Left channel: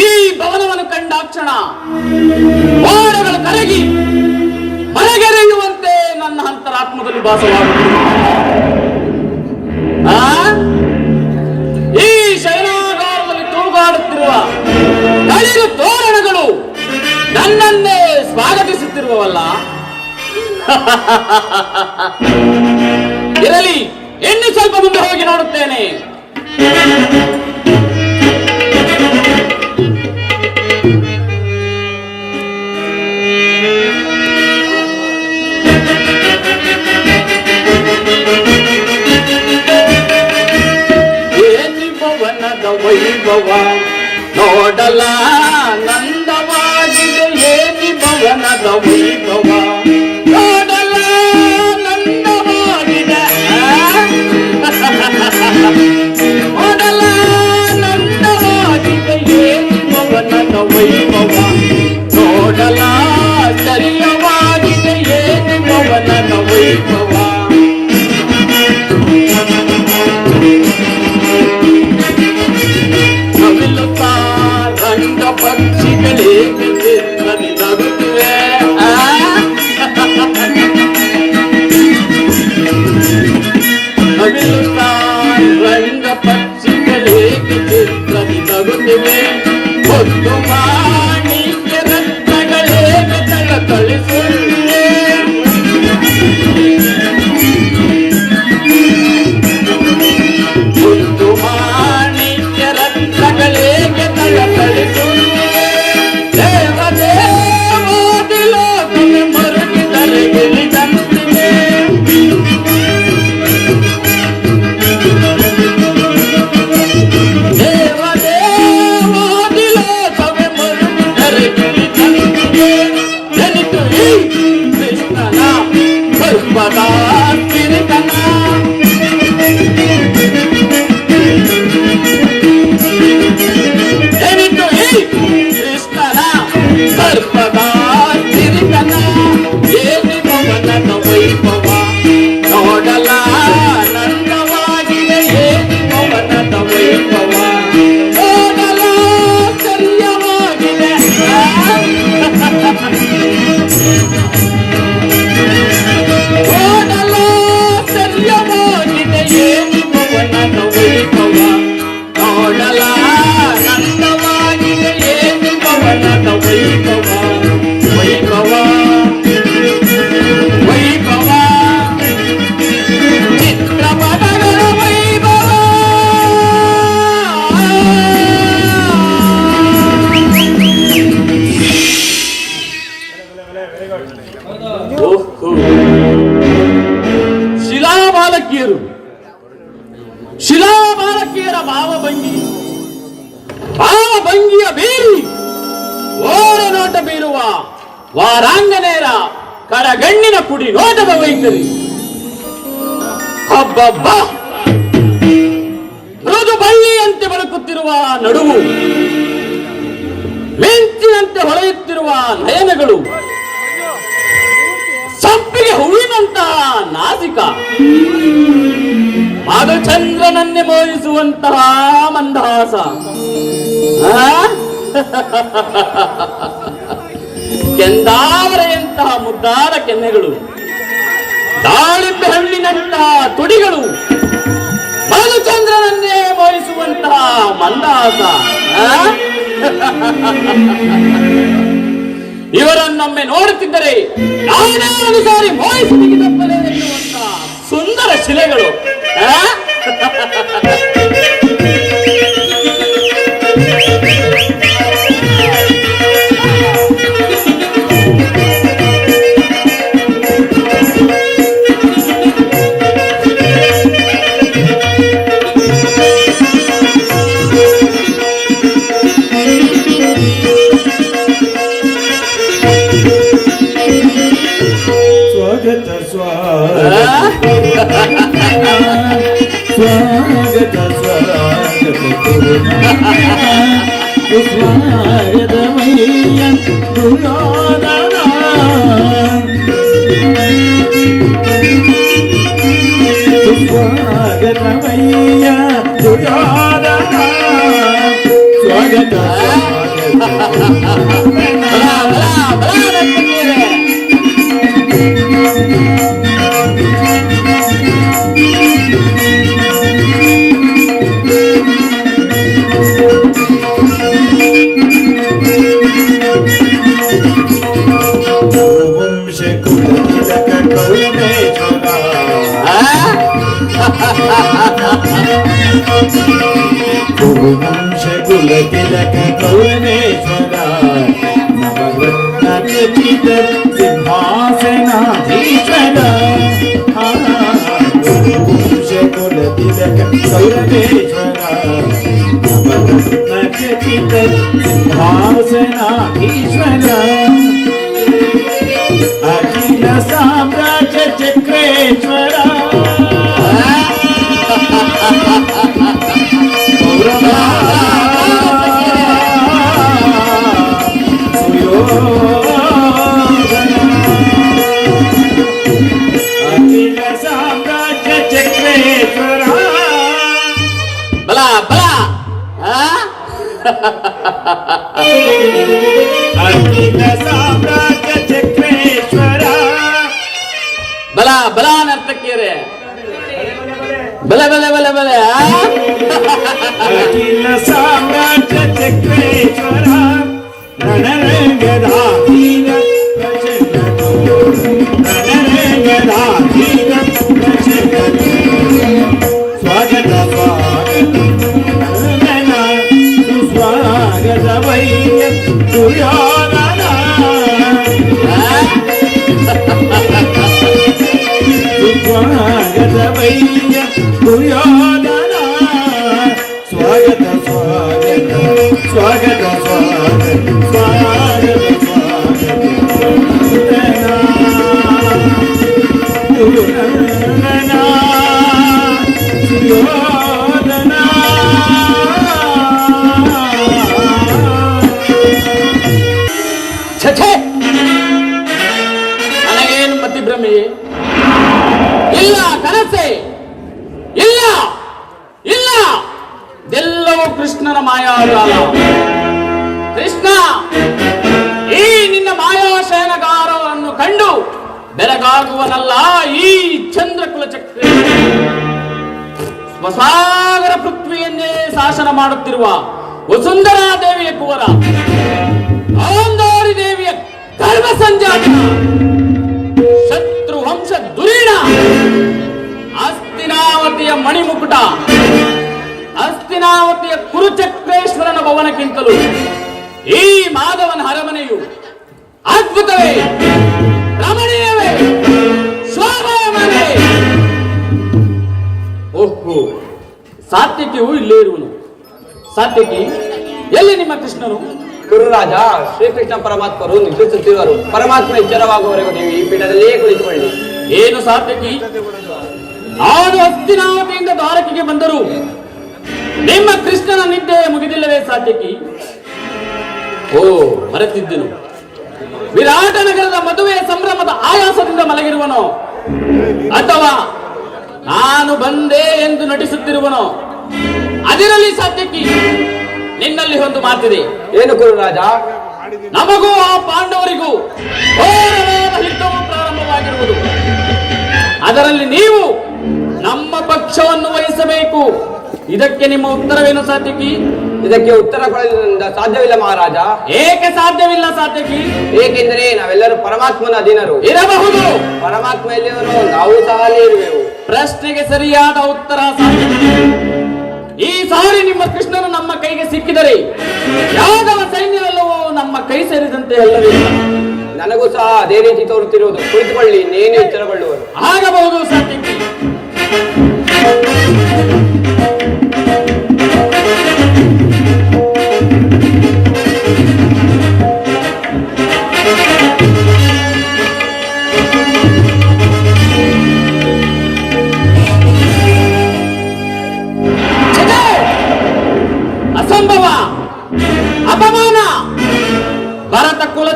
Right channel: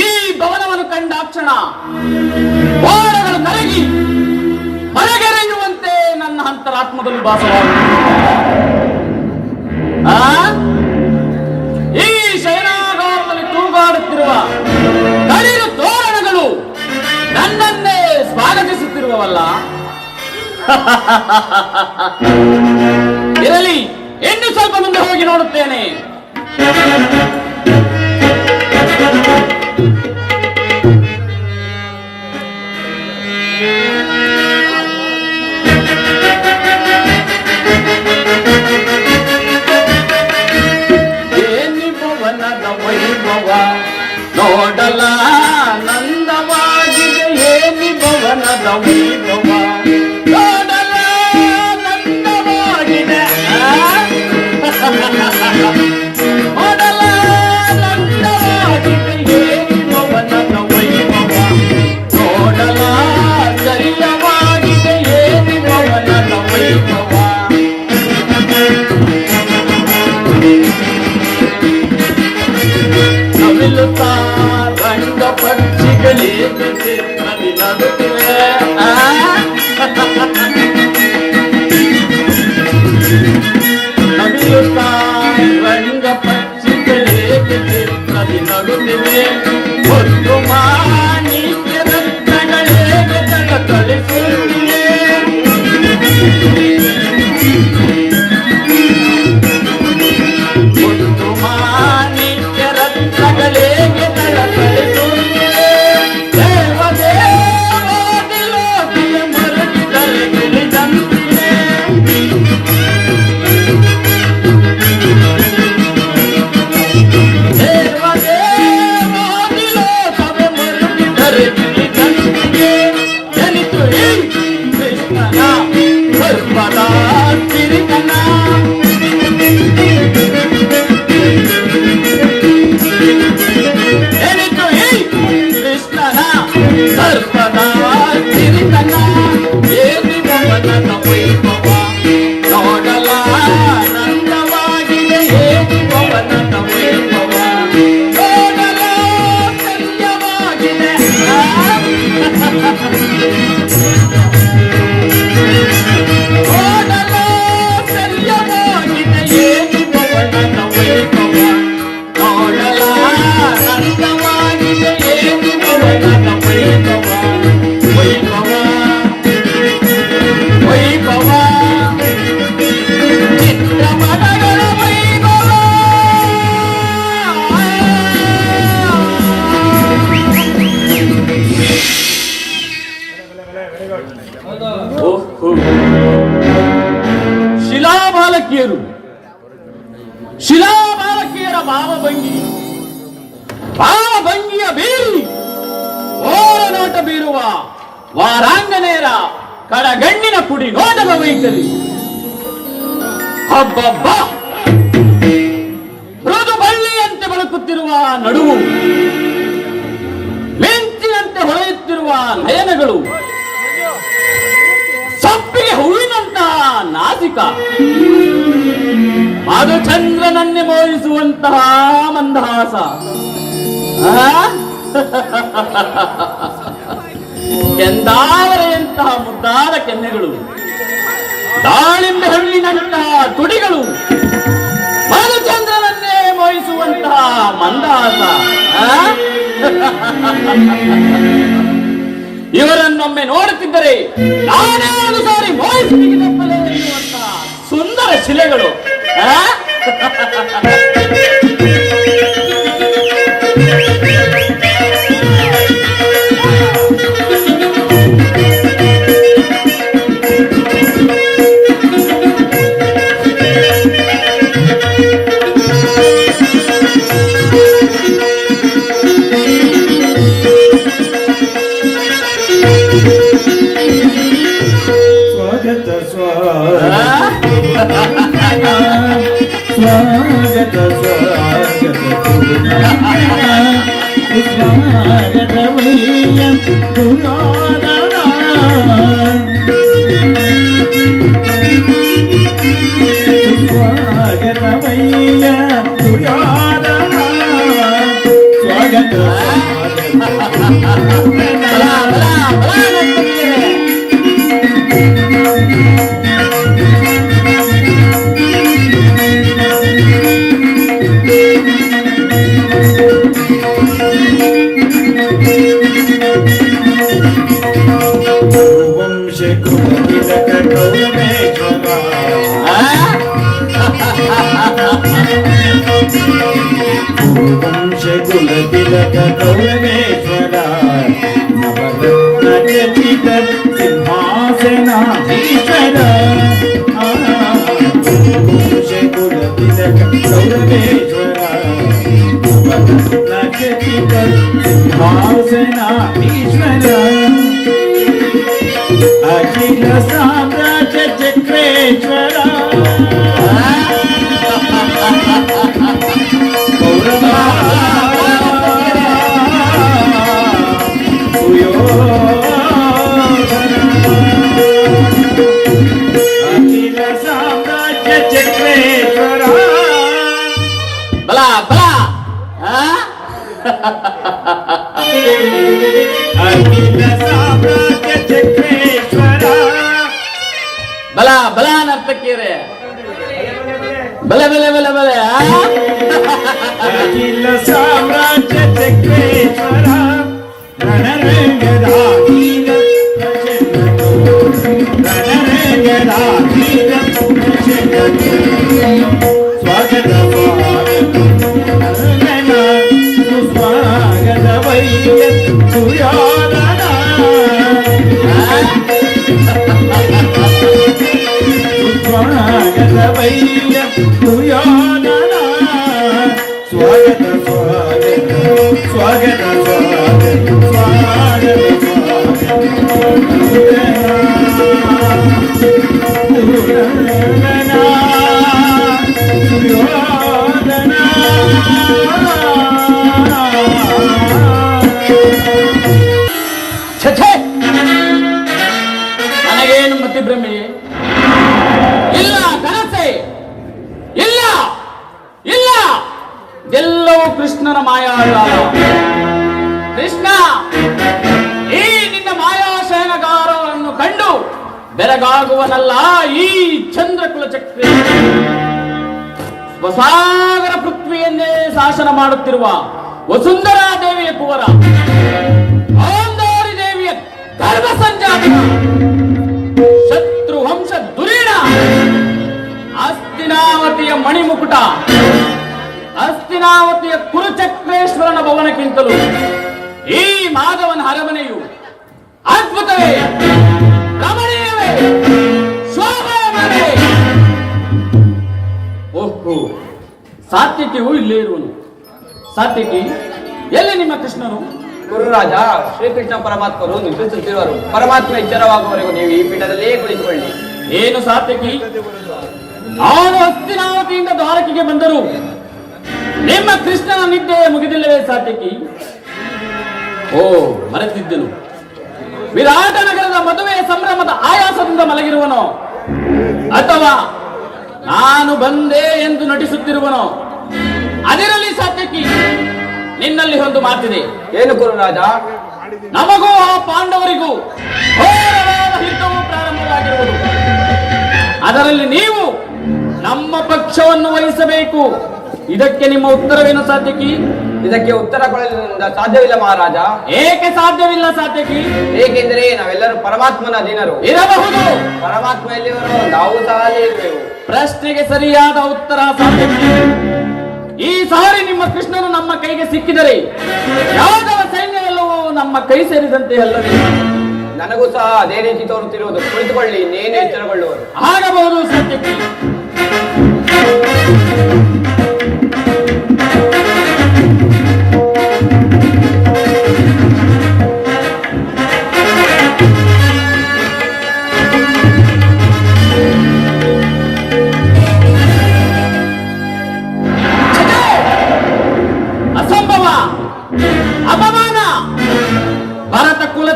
ಈ ಭವನವನ್ನು ಕಂಡಾಕ್ಷಣ ಬಾಣಗಳು ಕರಗಿ ಹೊರಗೆರೆಯುವಂತೆ ನನ್ನ ಅಂತರಾತ್ಮದಲ್ಲಿ ಭಾಸವಾಗುತ್ತದೆ. ಈ ಶಯನಾಗಾರದಲ್ಲಿ ತೂಗಾಡುತ್ತಿರುವ ತಳಿರು ತೋರಣಗಳು ನನ್ನನ್ನೇ ಸ್ವಾಗತಿಸುತ್ತಿರುವವಲ್ಲ. ಇರಲಿ, ಇನ್ನು ಸ್ವಲ್ಪ ಮುಂದೆ ಹೋಗಿ ನೋಡುತ್ತೇನೆ. ನೋಡಲ ನಂದವಾಗಿದೆ ಏನಿ ಭವನದ ವೈಭವ, ನೋಡಲ ನಂದವಾಗಿದೆ, ನೋಡಲ ನಂದವಾಗಿದೆ ಏನಿ ಭವನದ ವೈಭವ, ನೋಡಲ ಚರ್ಯವಾಗಿದೆ ಏನಿ ಭವನದ ವೈಭವ. ರಂಗ ಪಕ್ಷಿಗಳಿಗೆ ಚಿತ್ರದಿ ನಗುತ್ತಿವೆ, ಒಂದು ಮಾಣಿಕ್ಯ ರತ್ನಗಳಿಗೆ ತಳಿಸುತ್ತಿವೆ, ಒಂದು ಮಾಣಿಕ್ಯ ರತ್ನಗಳಿಗೆ ತಳಿಸುತ್ತಿವೆ, ದೇವದೇವ ಮರಗಿ ತಲೆಗೆ ನಿಂತಿವೆ. ಶಿಲಾಬಾಲಕಿಯರ ಭಾವಭಂಗಿಯ ಬೀರಿ ಓರನೋಟ ಬೀರುವ ವಾರಾಂಗನೆಯರ ಕರಗಣ್ಣಿನ ಕುಡಿ ನೋಟದ ವೈಖರಿ, ಹಬ್ಬಬ್ಬ ಮೃದು ಬಳ್ಳಿಯಂತೆ ಬಳಕುತ್ತಿರುವ ನಡುವು, ಮಿಂಚಿನಂತೆ ಹೊಳೆಯುತ್ತಿರುವ ನಯನಗಳು, ಸಂಪಿಗೆ ಹೂವಿನಂತಹ ನಾಸಿಕ, ಮಧುಚಂದ್ರನನ್ನೇ ಮೋಹಿಸುವಂತಹ ಮಂದಹಾಸ, ಕೆಂದಾವರೆಯಂತಹ ಮುದ್ದಾದ ಕೆನ್ನೆಗಳು, ದಾಳಿಂಬೆ ಹಣ್ಣಿನಂತಹ ತುಡಿಗಳು, ಮಧುಚಂದ್ರನನ್ನೇ ಮೋಹಿಸುವಂತಹ ಮಂದಹಾಸ. ಇವರನ್ನೊಮ್ಮೆ ನೋಡುತ್ತಿದ್ದರೆ ನಾನೇ ಒಂದು ಸಾರಿ ಮೋಹಿಸಿ ತೆಗೆದಪ್ಪಲೇನೆನ್ನುವಂತಹ ಸುಂದರ ಶಿಲೆಗಳು. ಸ್ವಾಗತವಯ್ಯ ದುರ್ಯೋಧನ ಸ್ವಾಗತವಯ್ಯ ದುರ್ಯೋಧನ ಸ್ವಾಗತ ತಿಲಕ ಕೌರವೇಶ್ವರ ನವರತ್ನಖಚಿತ ಸಿಂಹಾಸನಾಧೀಶ್ವರ ಕುಲ ತಿಲಕ ಕೌರವೇಶ್ವರ ನವರತ್ನಖಚಿತ ಸಿಂಹಾಸನಾಧೀಶ್ವರ ಅಖಿಲ ಸಾಮ್ರಾಜ್ಯ ಚಕ್ರೇಶ್ವರ ಬಲ ಬಲ ನರ್ತಕಿಯರೇ ಬಲ ಬಲ ಬಲ ಬಲ ಅಖಿಲ ಸಾಮ್ರಾಜ್ಯ ಚಕ್ರೇಶ್ವರ ರಣರಂಗಧಾಧೀನ ರಣರಂಗಧಾಧೀನ ಸ್ವಾಗತ ಸುಸ್ವಾಗತವಯ್ಯ ದುರ್ಯೋಧನ ಸ್ವಾಗತವಯ್ಯ ದುರ್ಯೋಧನ ಸ್ವಾಗತ ಸ್ವಾಗತ ಸ್ವಾಗತ ನನಗೇನು ಮತಿಭ್ರಮೆ ಇಲ್ಲ, ಕನಸೆ ಇಲ್ಲ ಇಲ್ಲ, ಇದೆಲ್ಲವೂ ಕೃಷ್ಣನ ಮಾಯಾಜಾಲ. ಕೃಷ್ಣ, ಈ ನಿನ್ನ ಮಾಯಾಶಯನಗಾರವನ್ನು ಕಂಡು ಬೆರಗಾಗುವನಲ್ಲ ಈ ಚಂದ್ರಕುಲ ಚಕ್ರ. ಸ್ವಸಾಗರ ಪೃಥ್ವಿಯನ್ನೇ ಶಾಸನ ಮಾಡುತ್ತಿರುವ ವಸುಂಧರಾ ದೇವಿಯ ಕುವರ, ಗಾಂಧಾರಿ ದೇವಿಯ ಗರ್ಭ ಸಂಜಾತ, ಶತ್ರು ವಂಶ ದುರೀಣ, ಹಸ್ತಿನಾವತಿಯ ಮಣಿಮುಕುಟ, ಹಸ್ತಿನಾವತಿಯ ಕುರುಚಕ್ರೇಶ್ವರನ ಭವನಕ್ಕಿಂತಲೂ ಈ ಮಾಧವನ ಅರಮನೆಯು ಅದ್ಭುತವೇ, ರಮಣೀಯವೇ, ಶೋಭಾಯಮಾನವೇ. ಓಹೋ, ಸಾತ್ವಿಕಿಯು ಇಲ್ಲೇ ಇರುವನು. ಸಾತ್ವಿಕಿ, ಎಲ್ಲಿ ನಿಮ್ಮ ಕೃಷ್ಣನು? ಗುರುರಾಜ, ಶ್ರೀಕೃಷ್ಣ ಪರಮಾತ್ಮರು ನಿದ್ರಿಸುತ್ತಿರುವರು. ಪರಮಾತ್ಮ ಎಚ್ಚರವಾಗುವವರೆಗೂ ನೀವು ಈ ಪೀಠದಲ್ಲಿಯೇ ಕುಳಿತುಕೊಳ್ಳಿ. ಏನು ಸಾತ್ವಿಕಿ, ನಾನು ಹಸ್ತಿನಾವತಿಯಿಂದ ದ್ವಾರಕೆಗೆ ಬಂದರು ನಿಮ್ಮ ಕೃಷ್ಣನ ನಿದ್ದೆ ಮುಗಿದಿಲ್ಲವೇ ಸಾತ್ವಿಕಿ? ಓ, ಮರೆತಿದ್ದೆನು. ವಿರಾಟ ನಗರದ ಮದುವೆಯ ಸಂಭ್ರಮದ ಆಯಾಸದಿಂದ ಮಲಗಿರುವನೋ, ಅಥವಾ ನಾನು ಬಂದೆ ಎಂದು ನಟಿಸುತ್ತಿರುವನೋ? ಅದಿರಲಿ ಸಾತ್ವಿಕಿ, ನಿನ್ನಲ್ಲಿ ಒಂದು ಮಾತಿದೆ. ಏನು ಗುರುರಾಜ? ನಮಗೂ ಆ ಪಾಂಡವರಿಗೂ ಘೋರವಾದ ಯುದ್ಧವು ಪ್ರಾರಂಭವಾಗಿರುವುದು. ಅದರಲ್ಲಿ ನೀವು ನಮ್ಮ ಪಕ್ಷವನ್ನು ವಹಿಸಬೇಕು. ಇದಕ್ಕೆ ನಿಮ್ಮ ಉತ್ತರವೇನು ಸಾತ್ವಿಕಿ? ಇದಕ್ಕೆ ಉತ್ತರ ಕೊಡಲು ಸಾಧ್ಯವಿಲ್ಲ ಮಹಾರಾಜ. ಏಕೆ ಸಾಧ್ಯವಿಲ್ಲ ಸಾತ್ವಿಕಿ? ಏಕೆಂದರೆ ನಾವೆಲ್ಲರೂ ಪರಮಾತ್ಮನ ಅಧೀನರು. ಇರಬಹುದು. ಪರಮಾತ್ಮ ಎಲ್ಲಿರುವನೋ ನಾವು ಸಹ ಅಲ್ಲೇ ಇರುವೆವು. ಪ್ರಶ್ನೆಗೆ ಸರಿಯಾದ ಉತ್ತರ ಸಾತ್ವಿಕಿ. ಈ ಸಾರಿ ನಿಮ್ಮ ಕೃಷ್ಣನು ನಮ್ಮ ಕೈಗೆ ಸಿಕ್ಕಿದರೆ ಯಾದವ ಸೈನ್ಯವೆಲ್ಲವೂ ನಮ್ಮ ಕೈ ಸೇರಿದಂತೆ ಅಲ್ಲವಿಲ್ಲ. ನನಗೂ ಸಹ ಅದೇ ರೀತಿ ತೋರುತ್ತಿರುವುದು. ಕುಳಿತುಕೊಳ್ಳಿ, ಇನ್ನೇನು ಎಚ್ಚರಗೊಳ್ಳುವರು. ಆಗಬಹುದು ಸಾತ್ವಿಕಿ.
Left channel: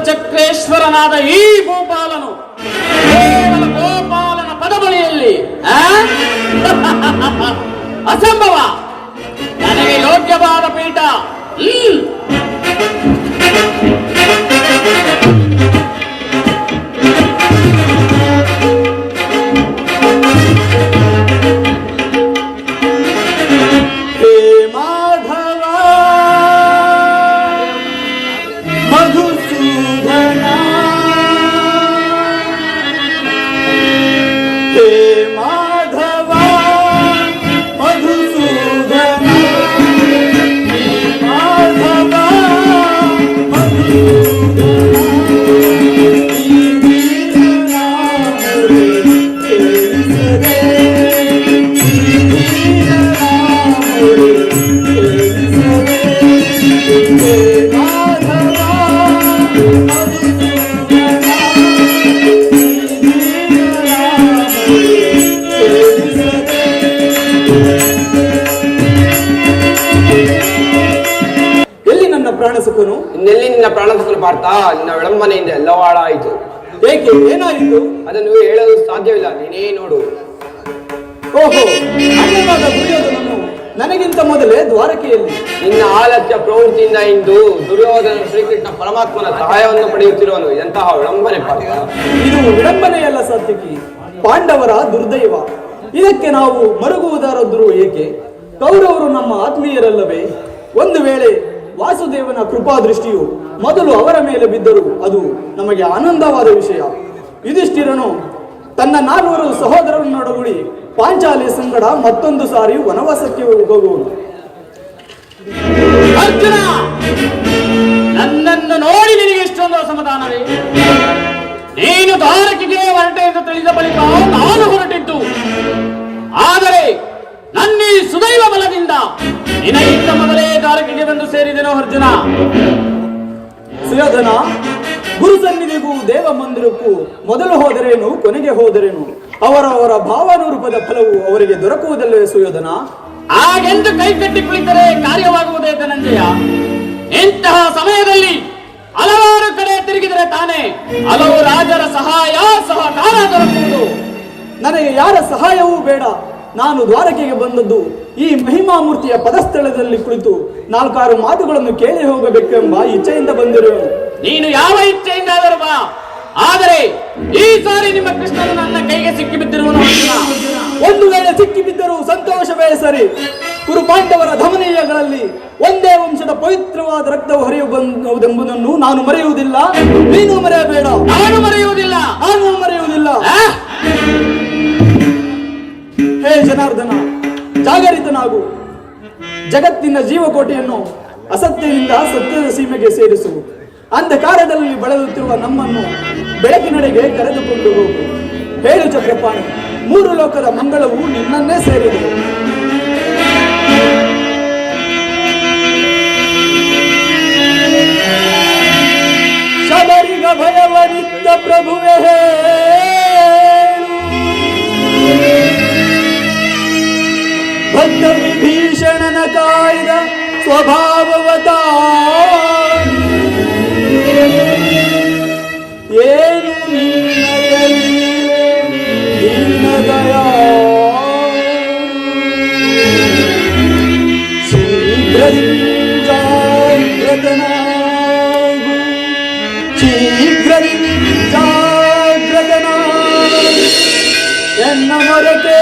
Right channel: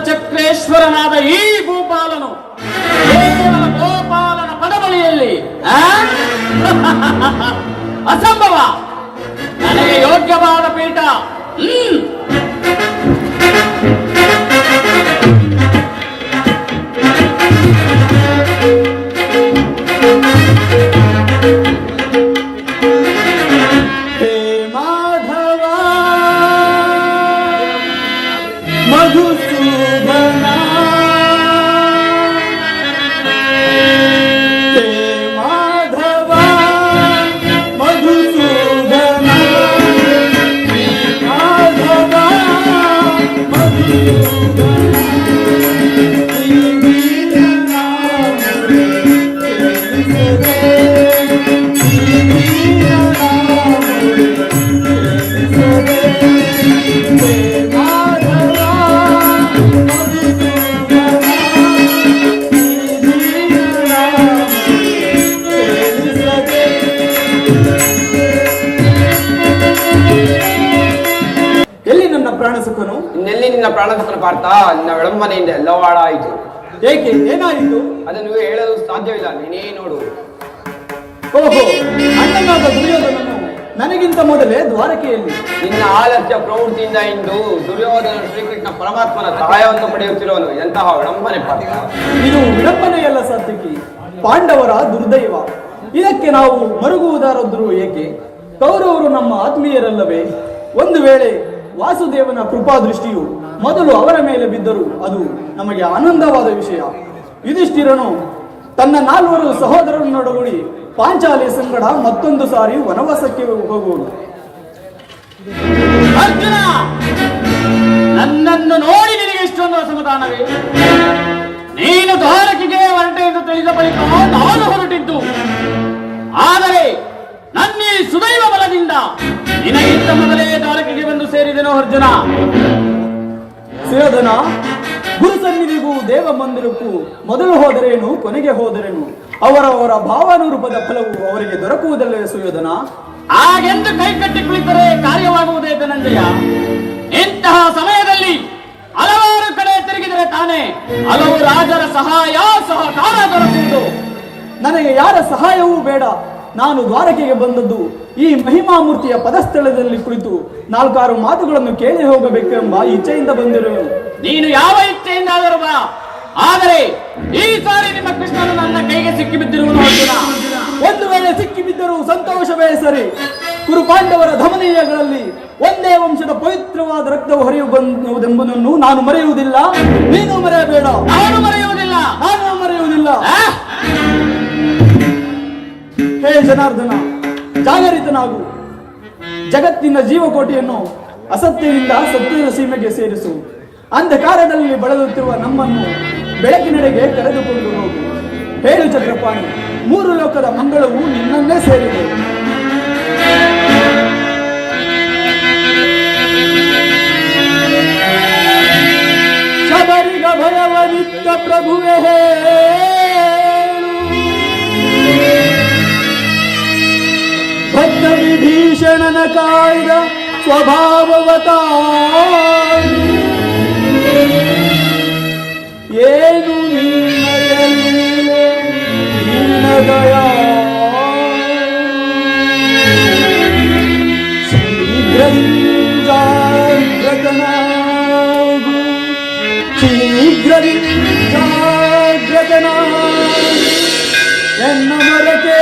ಚಕ್ರೇಶ್ವರನಾದ ಈ ಭೂಪಾಲನು ಕೇವಲ ಗೋಪಾಲನ ಪದಬಳಿಯಲ್ಲಿ ಅಸಂಭವ. ನನಗೆ ಯೋಗ್ಯವಾದ ಪೀಠ. ಪ್ರಾಣಸುಖನು? ಇನ್ನೆಲ್ಲಿ ನಿನ್ನ ಪ್ರಾಣಸುಖನು ಪಾರ್ಥ? ನಿನ್ನ ವಿಳಂಬನೆಯಿಂದ ಎಲ್ಲವೂ ಹಾಳಾಯಿತು. ಏಕೆ, ಏನಾಯಿತು? ಅದನ್ನು ಹೇಳಲು ಸಾಧ್ಯವಿಲ್ಲ, ನೀನೇ ನೋಡು. ಓಹೋ, ಅಣ್ಣನಾದ ದುರ್ಯೋಧನನು ನನಗಿಂತ ಮೊದಲೇ ದ್ವಾರಕೆಯಲ್ಲಿ. ನಿನ್ನ ಆಲಸ್ಯ ಪ್ರವೃತ್ತಿಯಿಂದ ಇಂದು ದುರ್ಯೋಧನ ಶ್ರೀಕೃಷ್ಣ ಪರಮಾತ್ಮನ ಸಹಾಯವನ್ನು ಪಡೆಯುತ್ತಿರುವನು. ಎಂತಹ ವಿಳಂಬನೆ ಪಾರ್ಥ! ಇದು ವಿಡಂಬನೆಯಲ್ಲ ಸಾತ್ವಿಕಿ, ಪಾಂಡವರ ದುರ್ದೈವ. ಇದಕ್ಕೆ ನಾವು ಮರುಗುವುದಾದರೂ ಏಕೆ? ಕೌರವರು ನಮ್ಮ ಆತ್ಮೀಯರಲ್ಲವೇ? ಒಂದು ವೇಳೆ ವಾಸುದೇವನ ಕೃಪಾ ದೃಷ್ಟಿಯು ಮೊದಲು ಅವರ ಮೇಲೆ ಬಿದ್ದರೂ ಅದು ನಮಗೆ ಆನಂದವಾದ ವಿಷಯ. ಯುಧಿಷ್ಠಿರನು ತನ್ನ 4 ಸಹೋದರರನ್ನೊಡಗೂಡಿ ಪಾಂಚಾಲಿ ಸಂಗಡ ಮತ್ತೊಂದು ಸಾರಿ ವನವಾಸಕ್ಕೆ ಹೋಗುವನು. ಅರ್ಜುನ, ನನ್ನನ್ನು ನೋಡಿ ನಿನಗೆ ಎಷ್ಟೊಂದು ಅಸಮಾಧಾನವೇ? ನೀನು ದ್ವಾರಕೆಗೆ ಹೊರಟೆ ಎಂದು ತಿಳಿದ ಬಳಿಕ ನಾನು ಹೊರಟಿದ್ದು. ಆದರೆ ನನ್ನೀ ಸುದೈವ ಬಲದಿಂದ ನಿನಗಿಂತ ಮೊದಲೇ ದ್ವಾರಕೆಗೆ ಬಂದು ಸೇರಿದೆನೋ ಅರ್ಜುನ. ಸುಯೋಧನ, ಗುರು ಸನ್ನಿಧಿಗೂ ದೇವ ಮಂದಿರಕ್ಕೂ ಮೊದಲು ಹೋದರೇನು, ಕೊನೆಗೆ ಹೋದರೇನು, ಅವರವರ ಭಾವಾನುರೂಪದ ಫಲವು ಅವರಿಗೆ ದೊರಕುವುದಲ್ಲೇ ಸುಯೋಧನ. ಹಾಗೆಂದು ಕೈ ಕಟ್ಟಿ ಕುಳಿತರೆ ಕಾರ್ಯವಾಗುವುದೇ ಧನಂಜಯ. ಇಂತಹ ಸಮಯದಲ್ಲಿ ಹಲವಾರು ಕಡೆ ತಿರುಗಿದರೆ ತಾನೇ ಹಲವು ರಾಜರ ಸಹಾಯ ಸಹಕಾರ ದೊರಕುವುದು. ನನಗೆ ಯಾರ ಸಹಾಯವೂ ಬೇಡ. ನಾನು ದ್ವಾರಕೆಗೆ ಬಂದದ್ದು ಈ ಮಹಿಮಾಮೂರ್ತಿಯ ಪದಸ್ಥಳದಲ್ಲಿ ಕುಳಿತು 4-6 ಮಾತುಗಳನ್ನು ಕೇಳಿ ಹೋಗಬೇಕೆಂಬ ಇಚ್ಛೆಯಿಂದ ಬಂದಿರುವೆನು. ನೀನು ಯಾವ ಇಚ್ಛೆಯಿಂದಾದರೂ ಬಾ, ಆದರೆ ಈ ಸಾರಿ ನಿಮ್ಮ ಕೃಷ್ಣನು ನನ್ನ ಕೈಗೆ ಸಿಕ್ಕಿ ಬಿದ್ದಿರುವನು. ಒಂದು ವೇಳೆ ಸಿಕ್ಕಿ ಬಿದ್ದರೂ ಸಂತೋಷವೇ ಸರಿ. ಕುರು ಪಾಂಡವರ ಧಮನೀಯಗಳಲ್ಲಿ ಒಂದೇ ವಂಶದ ಪವಿತ್ರವಾದ ರಕ್ತವು ಹರಿಯುವುದೆಂಬುದನ್ನು ನಾನು ಮರೆಯುವುದಿಲ್ಲ, ನೀನು ಮರೆಯಬೇಡ. ನಾನು ಮರೆಯುವುದಿಲ್ಲ. ಹೇ ಜನಾರ್ದನ, ಜಾಗರಿತನಾಗು. ಜಗತ್ತಿನ ಜೀವಕೋಟೆಯನ್ನು ಅಸತ್ಯದಿಂದ ಸತ್ಯದ ಸೀಮೆಗೆ ಸೇರಿಸು. ಅಂಧಕಾರದಲ್ಲಿ ಬಳಲುತ್ತಿರುವ ನಮ್ಮನ್ನು ಬೆಳಕಿನೆಡೆಗೆ ಕರೆದುಕೊಂಡು ಹೋಗು. ಹೇಳು ಚಕ್ರಪಾಣಿ, 3 ಲೋಕದ ಮಂಗಳವು ನಿನ್ನನ್ನೇ ಸೇರಿದೆ. ಶಬರಿಗ ಭಯವರಿದ್ದ ಪ್ರಭುವೇ, ಭಕ್ತ ವಿಭೀಷಣನ ಕಾಯ್ದ ಸ್ವಭಾವವತ ಏನು ನಿನ್ನ ದಯಾ. ಶೀಘ್ರದಿಂದ ಎನ್ನ ಮೊರಕೆ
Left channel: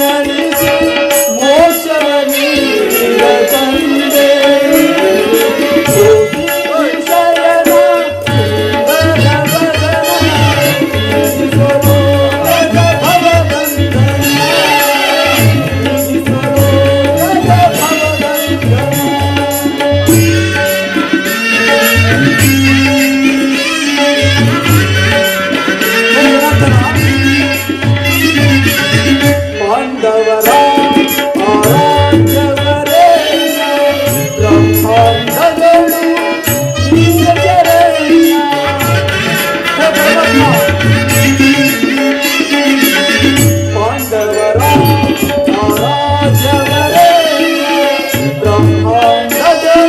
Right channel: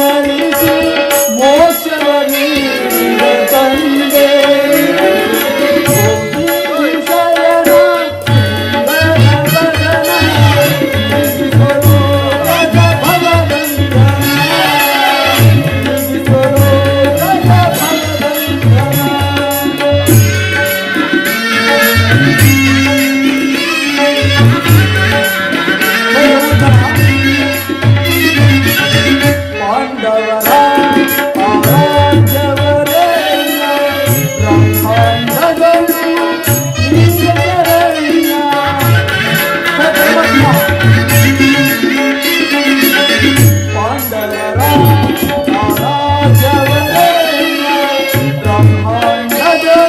ನಡೆಸಿ ಮೋಕ್ಷವ ನೀಡಿದ ತಂದೆ ಪಾಂಡವರ ಆರಾಧ್ಯವರೇ ಬ್ರಹ್ಮಾಂಡಗಳು ಪಾಂಡವರ ಆರಾಧ್ಯವರೇ ಬ್ರಹ್ಮಾಂಡಗಳು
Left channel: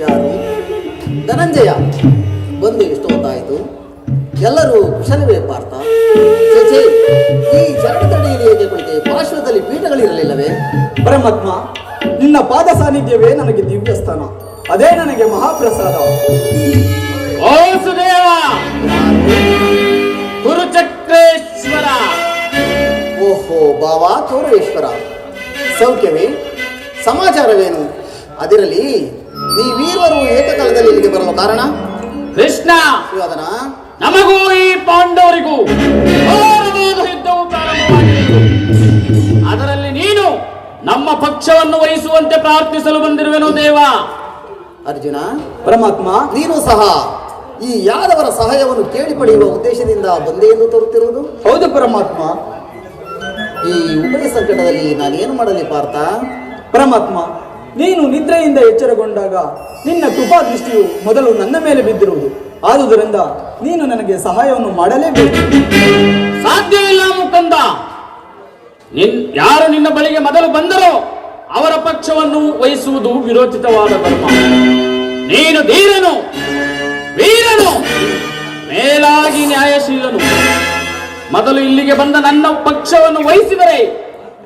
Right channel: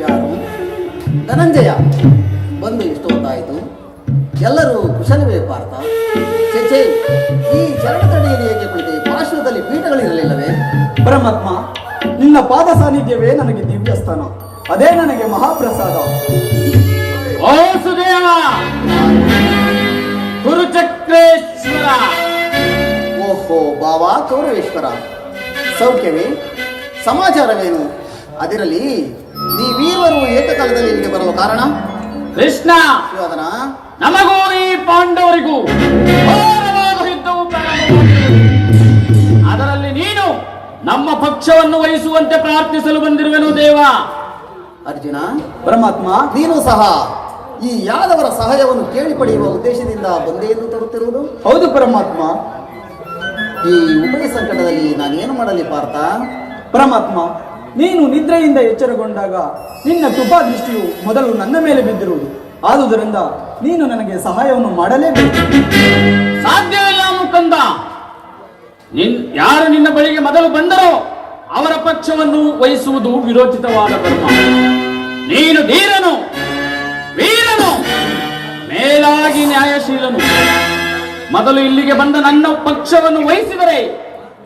ಯಾರು? ಧನಂಜಯ ಬಂದು ಎಷ್ಟು ಹೊತ್ತಾಯಿತು? ಎಲ್ಲರೂ ಕುಶಲವೇ ಪಾರ್ಥ? ಚೇಚೆ, ಈ ಶರಣತಡಿಯಲ್ಲಿ ಹೇಗೆ ಕುಳಿತೆ? ಪಾರ್ಶ್ವದಲ್ಲಿ ಪೀಠಗಳಿರಲಿಲ್ಲವೇ? ಪರಮಾತ್ಮ, ನಿನ್ನ ಪಾದ ಸಾನ್ನಿಧ್ಯವೇ ನನಗೆ ದಿವ್ಯ ಸ್ಥಾನ, ಅದೇ ನನಗೆ ಮಹಾಪ್ರಸಾದ. ಓ ಸುದೇವ ಗುರುಚಕ್ರೇಶ್ವರ, ಓಹೋ ಬಾವ ಕೌರವೇಶ್ವರ, ಸೌಖ್ಯವೇ? ಸಮಾಚಾರವೇನು? ಅದರಲ್ಲಿ ನೀವೀವರು ಏಕಕಾಲದಲ್ಲಿ ಇಲ್ಲಿಗೆ ಬರುವ ಕಾರಣ? ಕೃಷ್ಣ, ಅದನ ನಮಗೂ ಈ ಪಾಂಡವರಿಗೂ ಘೋರವಾದ ಯುದ್ಧವು ಪ್ರಾರಂಭವಾಗಿದೆ. ಅದರಲ್ಲಿ ನೀನು ನಮ್ಮ ಪಕ್ಷವನ್ನು ವಹಿಸುವಂತೆ ಪ್ರಾರ್ಥಿಸಲು ಬಂದಿರುವೆನು ದೇವ. ಅರ್ಜುನ, ಪರಮಾತ್ಮ, ನೀನು ಸಹ ಈ ಯಾದವರ ಸಹಾಯವನ್ನು ಕೇಳಿ ಪಡೆಯುವ ಉದ್ದೇಶದಿಂದ ಬಂದೆ ಎಂದು ತೋರುತ್ತಿರುವುದು? ಹೌದು ಪರಮಾತ್ಮ. ಈ ಉಭಯ ಸಂಕಟದಲ್ಲಿ ನಾನೇನು ಮಾಡಲಿ ಪಾರ್ಥ? ಪರಮಾತ್ಮ, ನೀನು ನಿದ್ರೆಯಿಂದ ಎಚ್ಚರಗೊಂಡಾಗ ನಿನ್ನ ಕೃಪಾ ದೃಷ್ಟಿಯು ಮೊದಲು ನನ್ನ ಮೇಲೆ ಬಿದ್ದಿರುವುದು. ಆದುದರಿಂದ ನೀನು ನನಗೆ ಸಹಾಯವನ್ನು ಮಾಡಲೇಬೇಕು. ಸಾಧ್ಯವಿಲ್ಲ ಮುಕಂದ. ಯಾರು ನಿನ್ನ ಬಳಿಗೆ ಮೊದಲು ಬಂದರೋ ಅವರ ಪಕ್ಷವನ್ನು ವಹಿಸುವುದು ವಿರೋಚಿತವಾದ ಧರ್ಮ. ನೀನು ಧೀರನು, ವೀರನು, ಮೇಲಾಗಿ ನ್ಯಾಯಶೀಲನು. ಮೊದಲು ಇಲ್ಲಿಗೆ ಬಂದ ನನ್ನ ಪಕ್ಷವನ್ನು ವಹಿಸಿದರೆ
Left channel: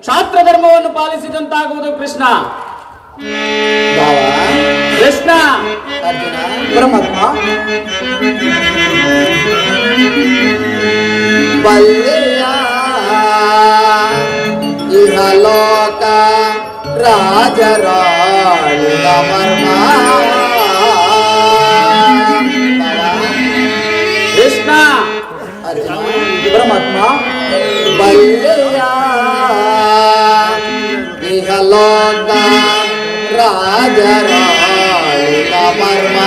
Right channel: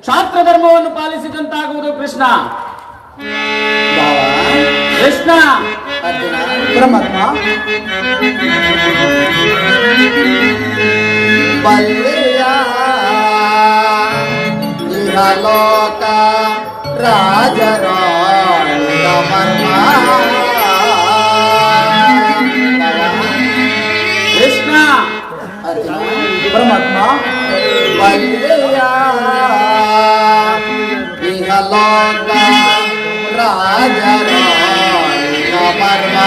ಕ್ಷಾತ್ರ ಧರ್ಮವನ್ನು ಪಾಲಿಸಿದಂತಾಗುವುದು. ಕೃಷ್ಣ, ಬಾವ, ಕೃಷ್ಣ, ಅರ್ಜುನ, ಪರಮಾತ್ಮ, ಬಲ್ಲೆಯ ಇಹಲೋಕ ರಾಜರಾಳಿದ ಮರ್ಮ. ಕೃಷ್ಣ, ಅರ್ಜುನ, ಪರಮಾತ್ಮ, ಬಲ್ಲೆಯ ಇಹಲೋಕ ರಾಜರಾಳಿದ ಮರ್ಮ.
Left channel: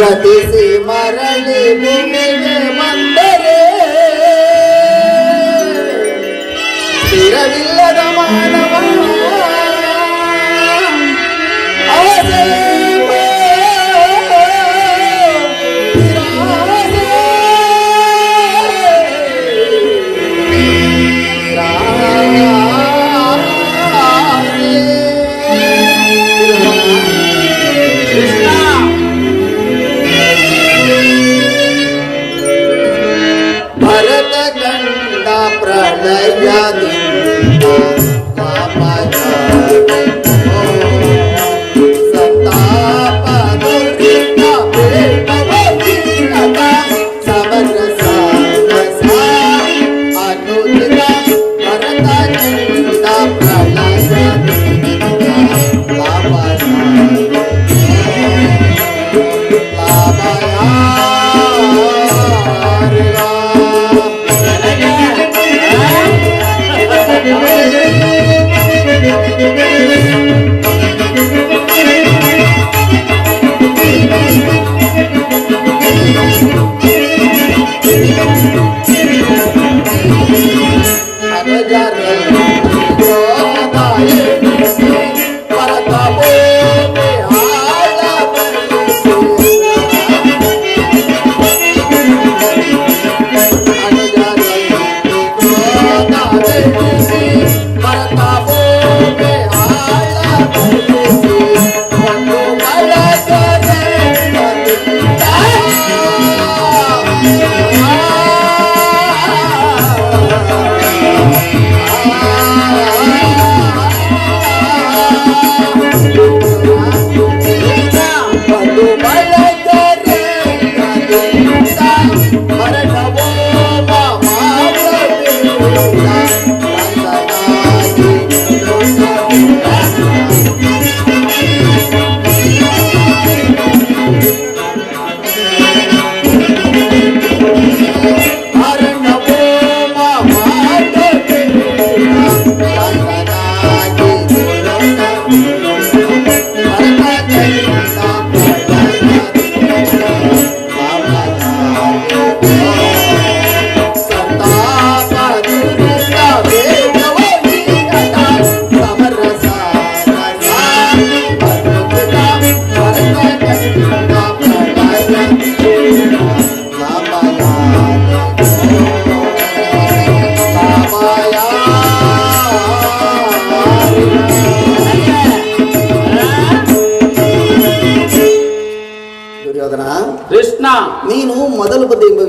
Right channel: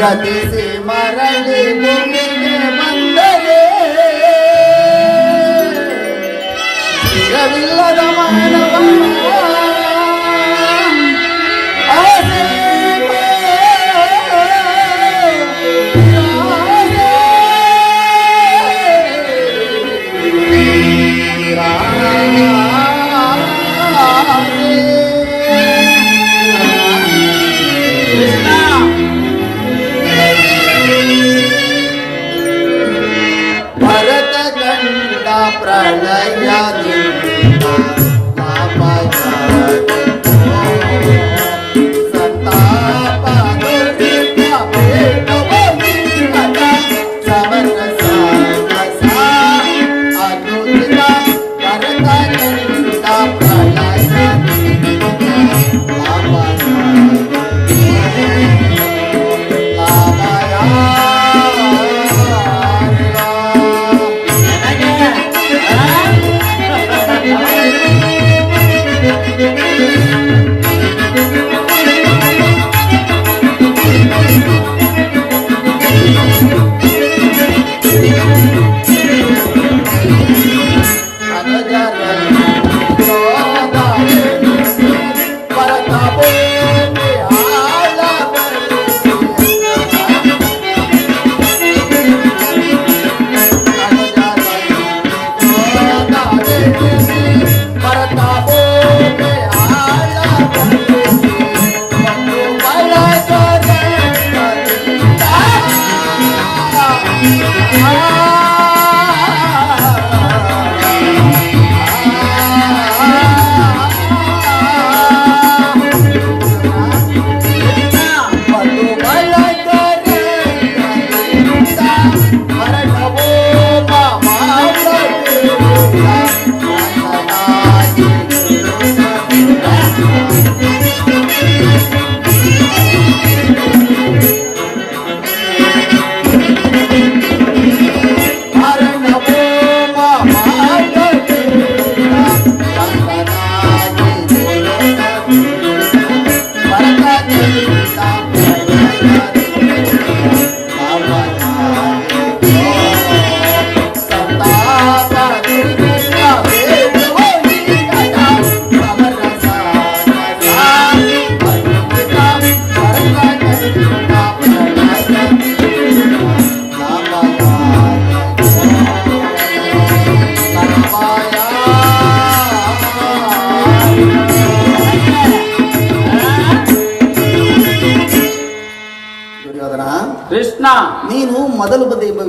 ಗತಿಸಿ ಮರಳಿ ಭೂಮಿಗೆ ಬಂದರೆ ಸ್ಥಿರವಿಲ್ಲದ ಮಾನವ ಆಸೆಯೋ ಕೃಷ್ಣ,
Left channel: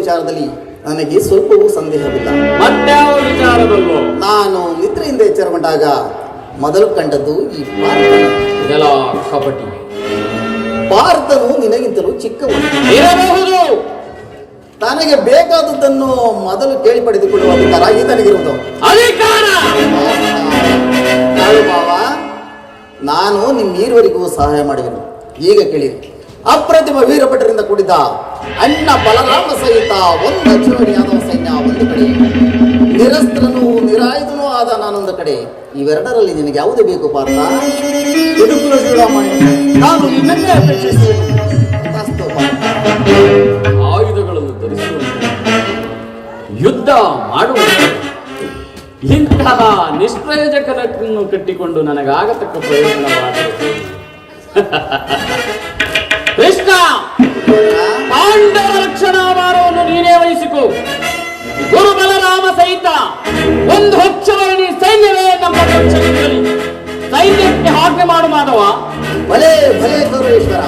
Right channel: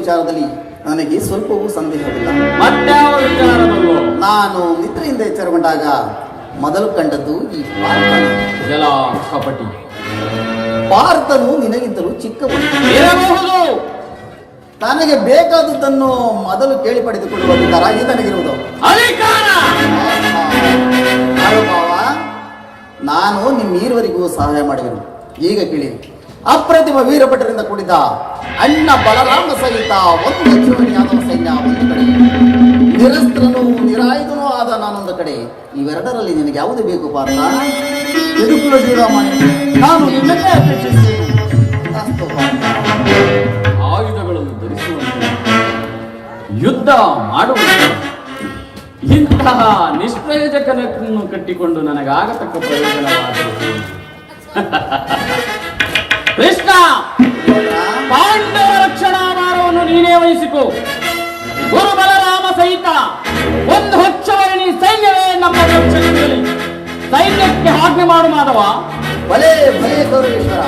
ವಿಚಾರದಲ್ಲಿ ನನಗೆ ಸ್ವಲ್ಪವೂ ಸಂದೇಹವಿಲ್ಲ. ಮತ್ಯಾವ ವಿಚಾರದಲ್ಲೋ? ನಾನು ನಿದ್ರೆಯಿಂದ ಎಚ್ಚರಗೊಂಡಾಗ ಮೊದಲು ಕಂಡದ್ದು ಈ ಪಾರ್ಥನ. ಜಲ ಕಪಟಿ ಪಾರ್ಥನು ನಿನಗಿಂತಲೂ ಚಿಕ್ಕವನು. ಇರಬಹುದು. ತನಗೆ ಬೇಕಾದದ್ದನ್ನು ಮೊದಲು ಕೇಳಿ ಪಡೆದುಕೊಳ್ಳುವ ಅಧಿಕಾರ ಈತನಿಗಿರುವುದು. ಅಧಿಕಾರ ಭಾವ, ನಾನು ನಿಮ್ಮೀರುವರಿಗೂ ಸಹಾಯ ಮಾಡುವೆನು. ಈಗ ಕೇಳಿರಿ. ಅಪ್ರತಿಮ ವೀರಭಟರಿಂದ ಕೂಡಿದ ಅಣ್ಣ ಬಲರಾಮ ಸಹಿತ ಒಂದು ಅಚ್ಚುವಡಿಯಾದ ಸೈನ್ಯ ಒಂದು ಕಡೆ, ನಿರಸ್ತ್ರನೂ ನಿರಾಯುಧನೂ ಆದ ನಾನೊಂದು ಕಡೆ. ಇವೆರಡರಲ್ಲಿ ನಿನಗೆ ಯಾವುದು ಬೇಕು ಪಾರ್ಥ? ಯದುಕುಲ ಶ್ರೀರಾಮನೇ, ನಾನು ನಿನ್ನನ್ನೇ ಅಪೇಕ್ಷಿಸುತ್ತೇನೆ. ಅಸ್ತು ಪಾರ್ಥ. ಆಯುಧಗಳನ್ನು ಧರಿಸುವಂತೆ, ಯುದ್ಧ ಮಾಡುವಂತೆ, ಇಂತಹ ನಿಷ್ಪ್ರಯೋಜಕನನ್ನು ಕಟ್ಟಿಕೊಂಡು ನನಗಾಗತಕ್ಕ ಪ್ರಯೋಜನವಾದರೆ ಕೃಷ್ಣ, ಪಾಂಡವ ರಕ್ಷಣಾ ಭಾರವನ್ನು ನೀನೇ ವಹಿಸಿಕೊ. ಗುರು ಬಲರಾಮ ಸಹಿತ ಒಂದು ಹೊಚ್ಚವರ್ಣಿ ಸೈನ್ಯವೇ ನಮ್ಮ ರಕ್ಷಣೆಯಲ್ಲಿ ಸೈನ್ಯಕ್ಕೆ ಆಜ್ಞೆ ಮಾಡು ಮಾಧವ. ಭಲೇ ಭಲೇ ಗೌರವೇಶ್ವರ,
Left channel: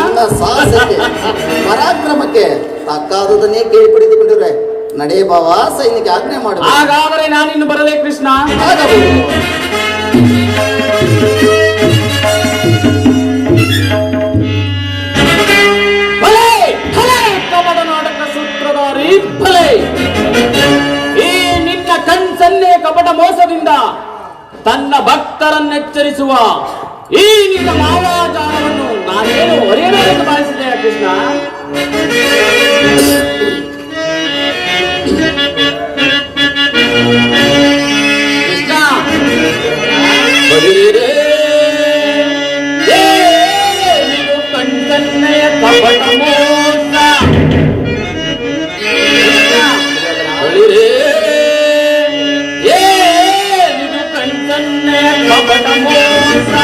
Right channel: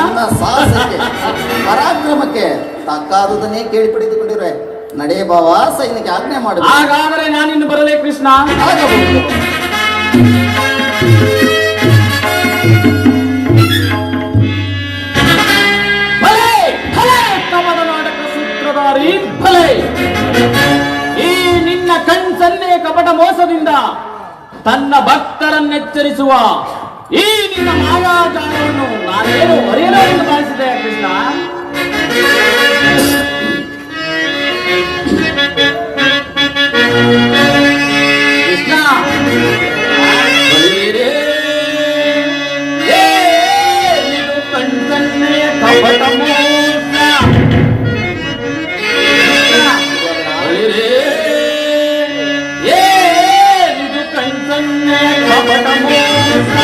ನನ್ನ ಸಾಹಸಕ್ಕೆ ಪರಾಕ್ರಮಕ್ಕೆ ತಕ್ಕಾದುದನ್ನೇ ಕೇಳಿ ಪಡೆದುಕೊಂಡಿರುವೆ. ನಡೆಯ ಬಾವ, ಸೈನ್ಯಕ್ಕೆ ಆಜ್ಞೆ ಮಾಡಬೇಕು. ಹಾಗಾದರೆ ನಾನಿನ್ನು ಬರಲೇ ಕೃಷ್ಣ. ಆಗಬಹುದು. ಭಲೆ ಭಲೆ ಕಮಲ ನಾಟಕ ಸೂತ್ರಧಾರಿ ಭಲೆ. ಈ ನಿನ್ನ ಕಣ್ಸನ್ನೆ ಕಪಟ ಮೋಸದಿಂದ ತನ್ನ ಭಕ್ತರನ್ನೆಚ್ಚರಿಸುವ ಈ ನಿನ್ನ ಮಾಯಾಜಾಲವನ್ನು ನಾನೇನು ಹೊರೆಯಲು ಎಂದು ಭಾವಿಸಿದೆಯಾ ಕೃಷ್ಣ? ಕೃಷ್ಣ, ಬಲಿರೆ ಏನಿದು ಕಣ್ಸನ್ನೆಯ ಕಪಟ ಮೋಸ. ಕೃಷ್ಣ, ಬಲಿರೆ ಏನಿದು ಕಣ್ಸನ್ನೆಯ ಕಪಟ ಮೋಸ.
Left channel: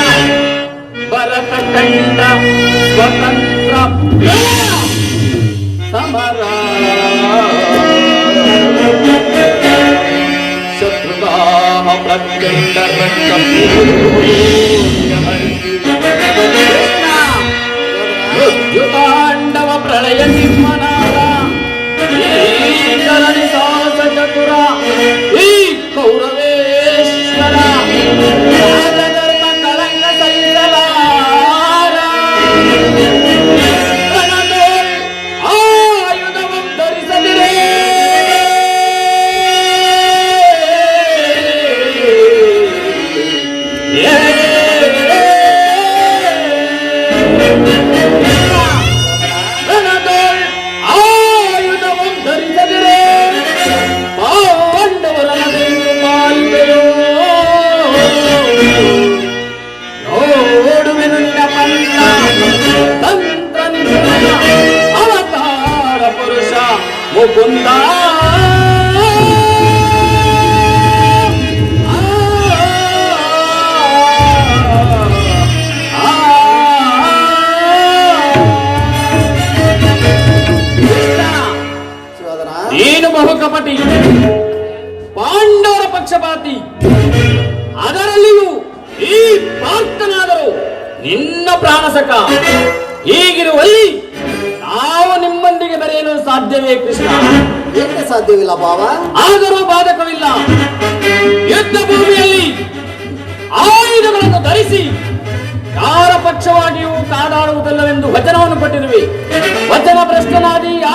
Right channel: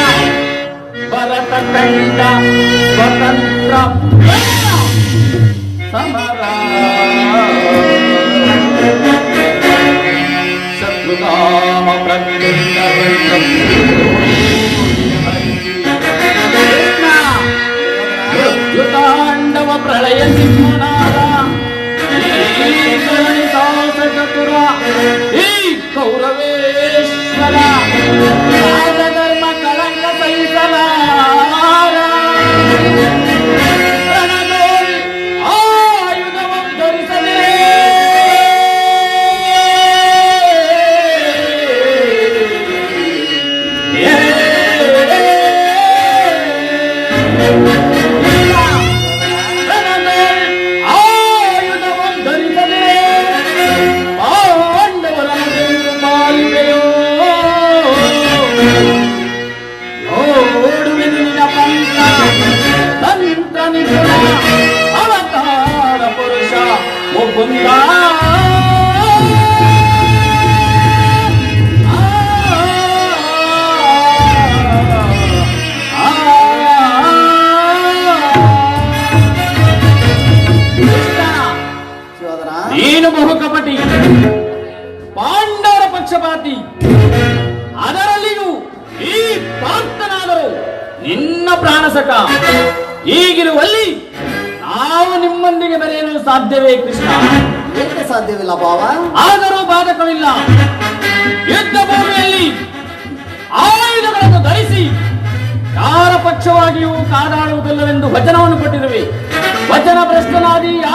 ಭರತ ಕಂಡ ಸ್ವತಂತ್ರ ಸಮರ, ಶತ್ರುನಾಮ ಪ್ರತ್ಯಂತ ತಾಂಡವ ಪ್ರಳಯ ಸಿಂಹನಾದ ಚತುರ ಈ ಕೌರವೇಶ್ವರ ರಾಜಧರ್ಮ ಕಳಂಕ ಸಹಿಸಲಾರ. ರಣದೋಳ್ ಆಯುಧವನ್ನು ಧರಿಸದಿರೇ ಆಯುಧವನ್ನು ಧರಿಸದಿರೇ ಪಾಂಡವರ ಮಾಲಿಕೆಯೋ ನೋಡುವೆನು ನಿನ್ನ ಪಂಥ ತಂತ್ರ ನಿಪುಣ ಅವತಾರ ಪುರುಷ ಮುಕುಂದ. ಶಿವಧನ, ನೀನು ಬಹುಕಪಟಿ, ಪಾಂಡವರ ಪಕ್ಷಪಾತಿ, ಅದರಲ್ಲಿಯೂ ಈ ಪಾರ್ಥನಾದರೂ ನಿನ್ನ ಪ್ರಾಣಸಕ. ಹೀಗಿರುವಲ್ಲಿ ನಾವು ನಿಮ್ಮೊಂದಿಗೆ ಬೆರೆಯಲು ಸಾಧ್ಯವೇ ಕೃಷ್ಣ? ಏಕೆ ಸಾಧ್ಯವಿಲ್ಲ ಭಾವ? ಆದರೂ ಬಾಧಕವಿಲ್ಲ. ಯುದ್ಧ ಭೂಮಿಯಲ್ಲಿ ಆಯುಧಗಳನ್ನು ಧರಿಸಿ ಯಾರ ಪಕ್ಷವಾಗಿಯೂ ಕಾದಾಡುವುದಿಲ್ಲವೆಂದು ವಚನವನ್ನು ಕೊಟ್ಟಿರುವೆ. ವಚನ ಭ್ರಷ್ಟನಾದೀಯ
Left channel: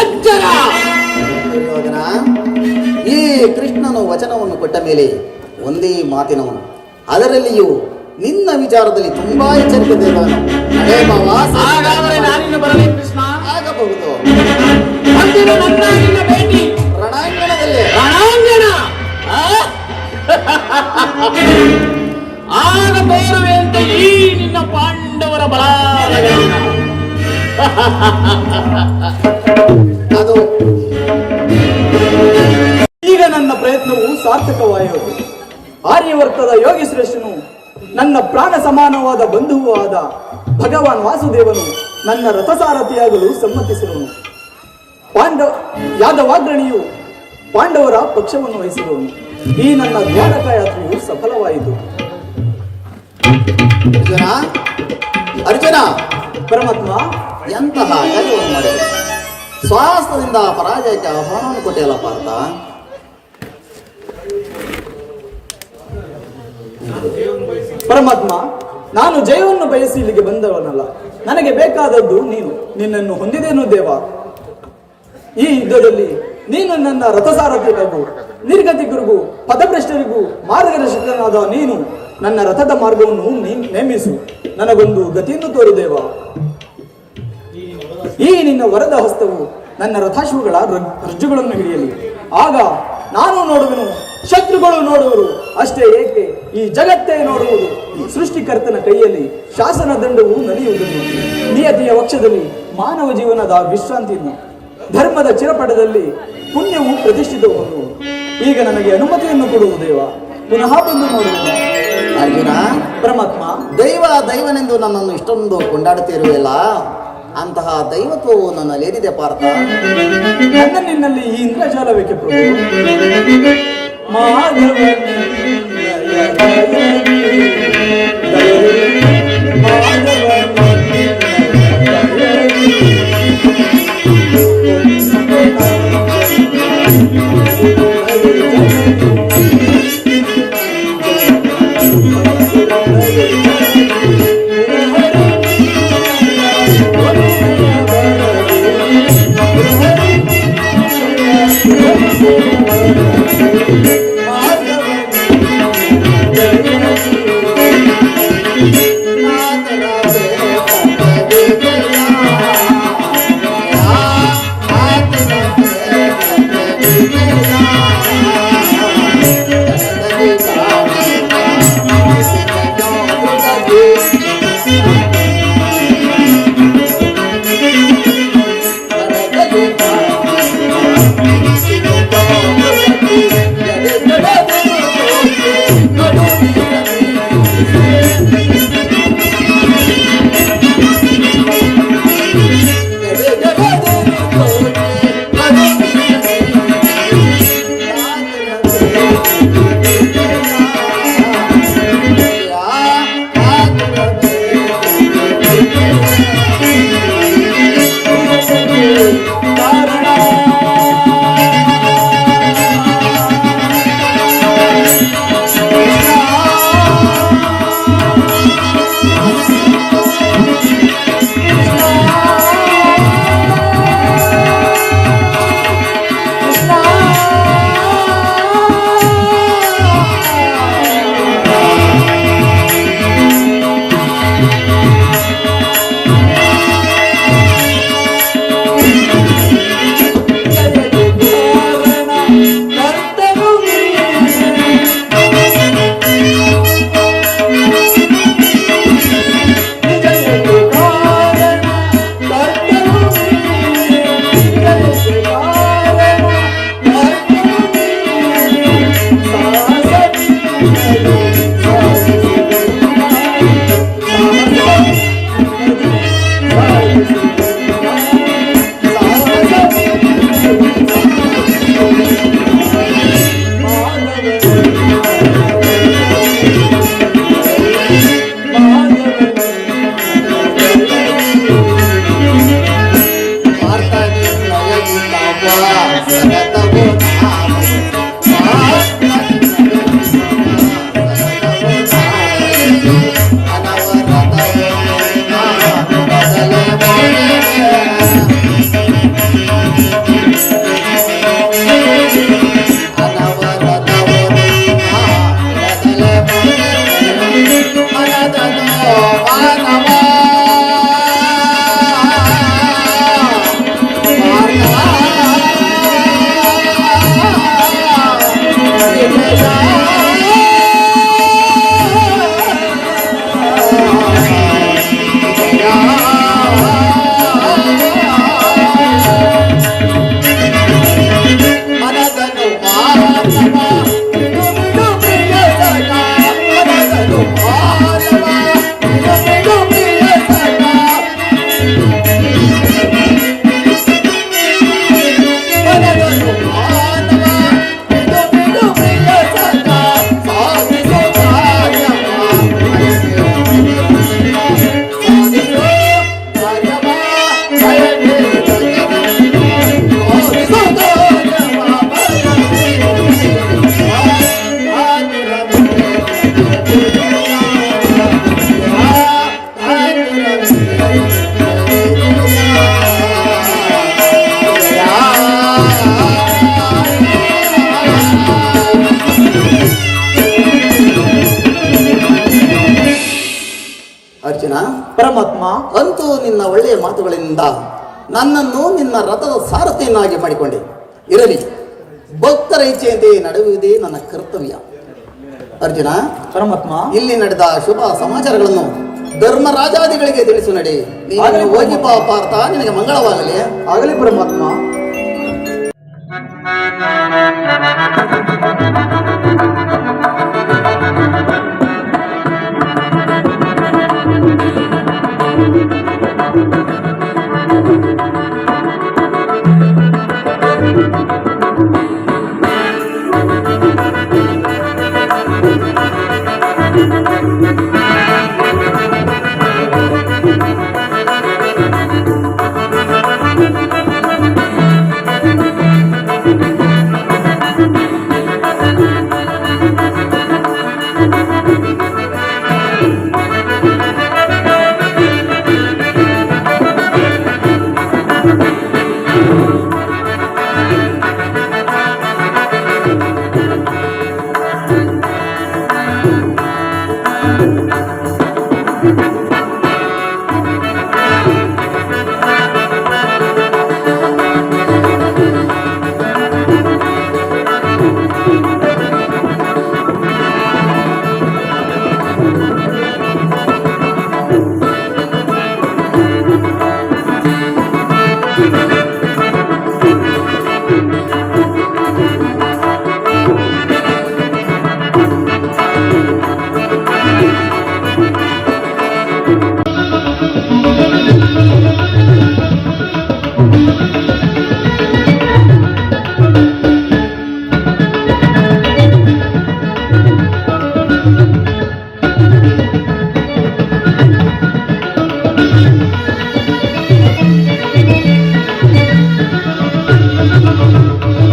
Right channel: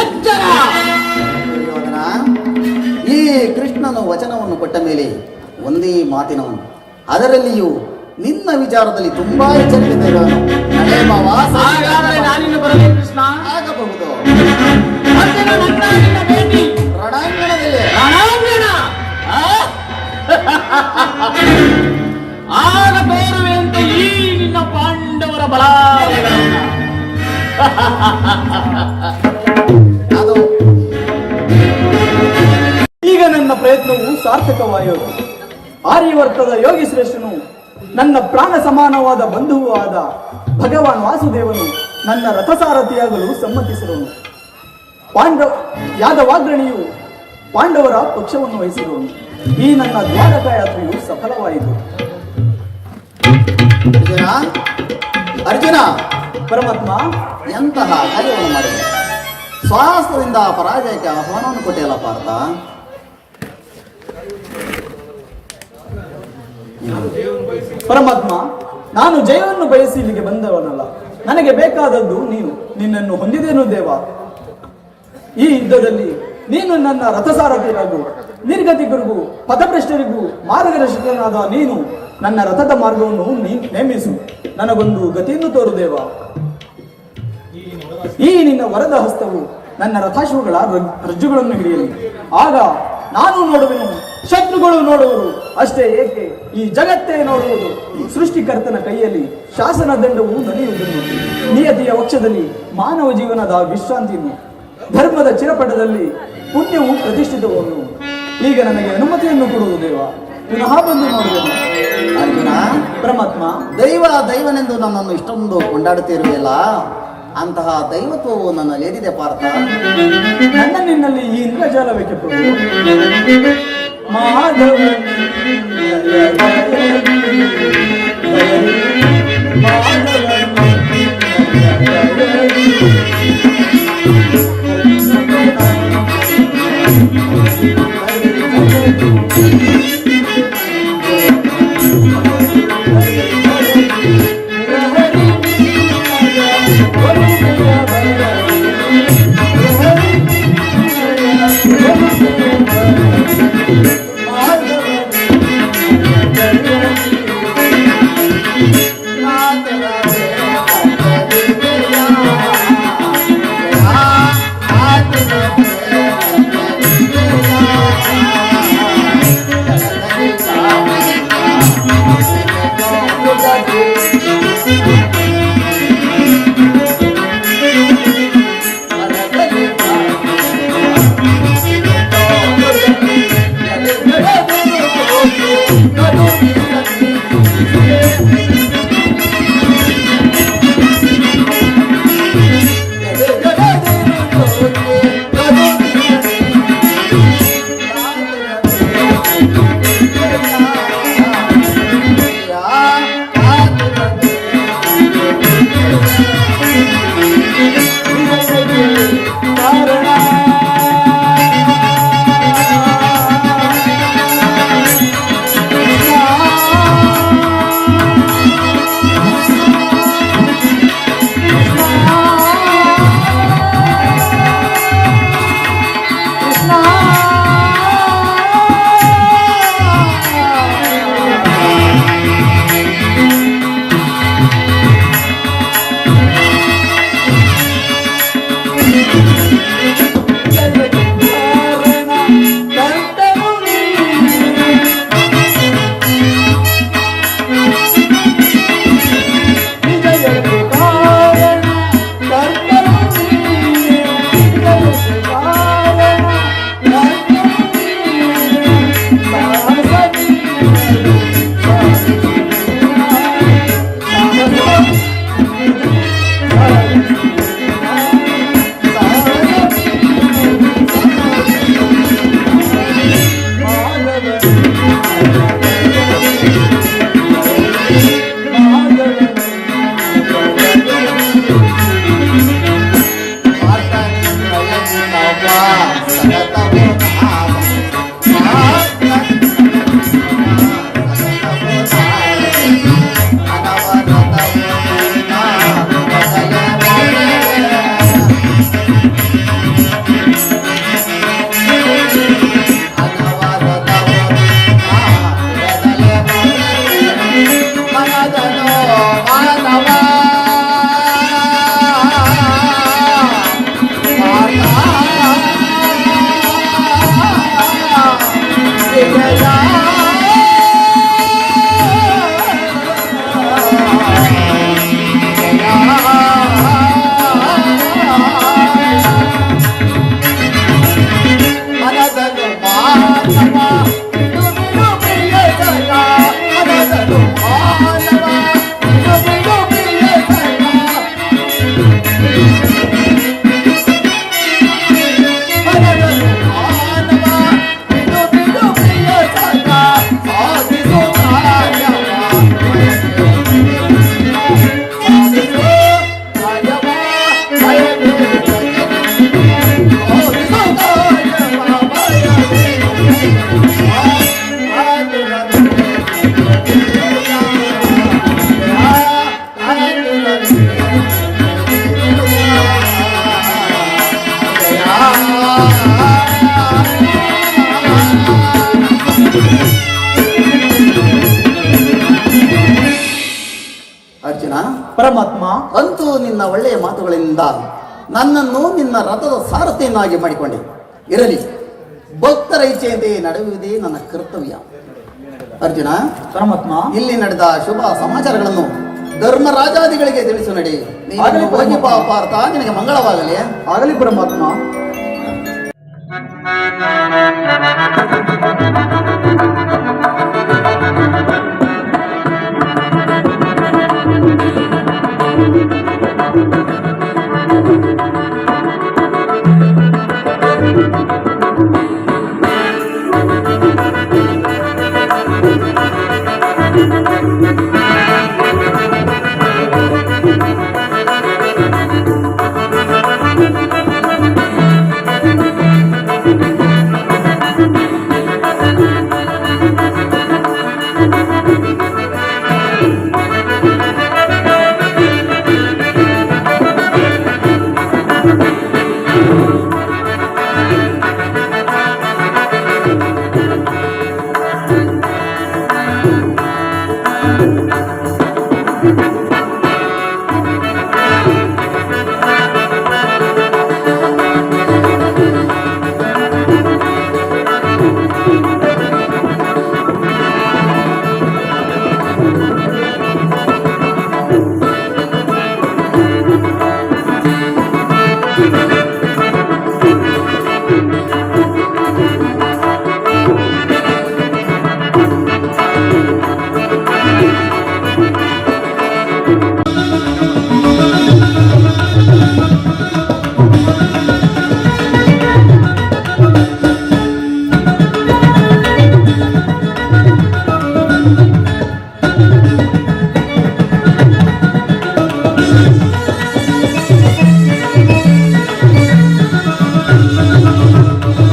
ಎಚ್ಚರ. ದುರ್ಯೋಧನ, ಈ ಕೃಷ್ಣನು ವಚನವನ್ನು ಕೊಟ್ಟ ಮೇಲೆ ಒಂದೇ ಮಾತಿನವನು, ಅದರಲ್ಲಿಯೂ ನಿನ್ನ ವಿಚಾರದಲ್ಲಿ ತುಂಬಾ ಎಚ್ಚರಿಕೆ ಇರುವನು. ನಡೆ ಮಾವ, ಹಾಗಾದರೆ ನಾನಿನ್ನು ಬರಲೇ ಕೃಷ್ಣ. ಆಗಬಹುದು. ಅಂದಿನ ನನ್ನ ನಿನ್ನ ಭೇಟಿ ರಣಾಂಗಣದಲ್ಲಿ ರಣಾಂಗಣ. ಆಗ ತೋರುವೆಂತೆ ಈ ನಿನ್ನ ಪಾಂಡವರ ಬಲಾಬಲಗಳನ್ನು. ಅದು ಈಗ ನನ್ನ ಪ್ರಯತ್ನವು ಸಾರ್ಥಕವಾಯಿತು. ಆರ್ಯವರ್ತದ ಯೋಗಿ ಶ್ರೇಷ್ಠನು, ನನ್ನ ಪ್ರಾಣ ಸಮಾನವಾದ ಬಂಧುವೂ ಆದ ಭಗವಾನ್ ವಾಸುದೇವನು ನನ್ನ ರಥಸಾರಥಿಯಾಗಲು ಸಮ್ಮತಿಸಿರುವನು. ಯಾದವಾಗ್ರಣಿಯು ಪಾಂಡವರ ಪಕ್ಷವನ್ನು ವಹಿಸಿರುವನು. ಈ ನನ್ನ ದ್ವಾರಕ ಯಾತ್ರೆಯು ಸಫಲವಾಯಿತು. ಅರ್ಜುನ, ಪರಮಾತ್ಮ, ಎಂತಹ ಕಾರ್ಯವನ್ನು ಮಾಡಿದೆ? ಸ್ವಾಸ್ಥದಿಂದ ಪರಾಜಯಕ್ಕೆ ಆಹ್ವಾನವನ್ನು ಕೊಟ್ಟಿಯಲ್ಲ ಪಾರ್ಥ. ಪರಮಾತ್ಮ, ನಾನು ಜಯವನ್ನು ಬಯಸಿ ಇಲ್ಲಿಗೆ ಬಂದವನಲ್ಲ. ನನಗೆ ಬೇಕಾದದ್ದು ನೀನು. ನಿನ್ನನ್ನು ಹೊಂದಿದೇನು ದೇವ. ಈ ಯುದ್ಧದಲ್ಲಿ ನೀನು ನನ್ನ ರಥಸಾರಥಿಗಳಿಗೂ ನಿರ್ಗತಿಗರಿಗೂ ಪಥಭ್ರಷ್ಟರಿಗೂ ಮಾರ್ಗದರ್ಶಕನಾದ ನೀನು ನನ್ನ ರಥದ ಮಾರ್ಗವನ್ನು ನೇಮಿಸು. ನನಗೊಂದು ಗತಿಯನ್ನು ತೋರು ದೇವ. ಈ ನಿನ್ನ ವರದ ಹಸ್ತವು ನನ್ನ ರಥಾಶ್ವಗಳ ರಜ್ಜುಗಳನ್ನು ಹಿಡಿಯಲಿ. ಆಗ ನಾನು ನೋಡುವೆನು, ಶತ್ರುಗಳು ನೋಡುವರು. ಅಷ್ಟೇ ಏಕೆ, ಈ ಜಗತ್ತೇ ನೋಡುವುದು. ಸೃಷ್ಟಿಕರ್ತನ ಕೈಯಲ್ಲಿ ಶಾಸನ ದಂಡವು ನಲಿಯುವುದನ್ನು, ನಿಯತಿಯ ವಕ್ಷದಲ್ಲಿ ಮಾನವ ಜೀವನದ ವಿಶ್ರಾಂತಿಯನ್ನು, ಧರ್ಮದ ಚಿರಪಟದಲ್ಲಿ ಪುಣ್ಯವು ಪ್ರತಿಷ್ಠಿತವನ್ನು. ಈಗ ನನಗೆ ಅನುಮತಿಯನ್ನು ಕೊಡುವುದು ದೇವ. ಪುನಃ ಬಂದು ನೋಡುವೆನು. ಅರ್ಜುನ, ಪರಮಾತ್ಮ, ದೈವನೆಂದು ನನ್ನನ್ನು ಇಷ್ಟೊಂದು ಕೊಂಡಾಡುತ್ತಿರುವೆಯಲ್ಲ, ಅಂತಹ ದೈವತ್ವವು ನನ್ನಲ್ಲೇನಿದೆ ಪಾರ್ಥ? ನನ್ನ ನಿನ್ನಲ್ಲಿ ಈ ಇಂದ್ರಜಾಲವೇಕೆ ಪ್ರಭು? ಮಾಧವನೇ ಇರುವುದರಿಂದ ನನ್ನನ್ನು ನಿನ್ನ ರಥದ ಸಾರಥಿಯನ್ನಾಗಿ ಮಾಡಿಕೊಂಡೆ. ಇರಲಿ, ಭಕ್ತರ ಇಚ್ಛೆಯಂತೆ ನಡೆಯುವುದೇ ನನ್ನ ಕರ್ತವ್ಯ. ಅರ್ಜುನ, ಪರಮಾತ್ಮ, ಇಲ್ಲಿ ನಡೆದ ಶುಭ ಸಮಾಚಾರಗಳನ್ನು ಧರ್ಮರಾಜಾದಿಗಳಿಗೆ ತಿಳಿಸು ನಡಿ. ನೀನು ಹೋಗಿ ಬಾ ಪಾರ್ಥ, ನಿನಗೆ ಮಂಗಳವಾಗಲಿ. ಆಗಲಿ ಪರಮಾತ್ಮ.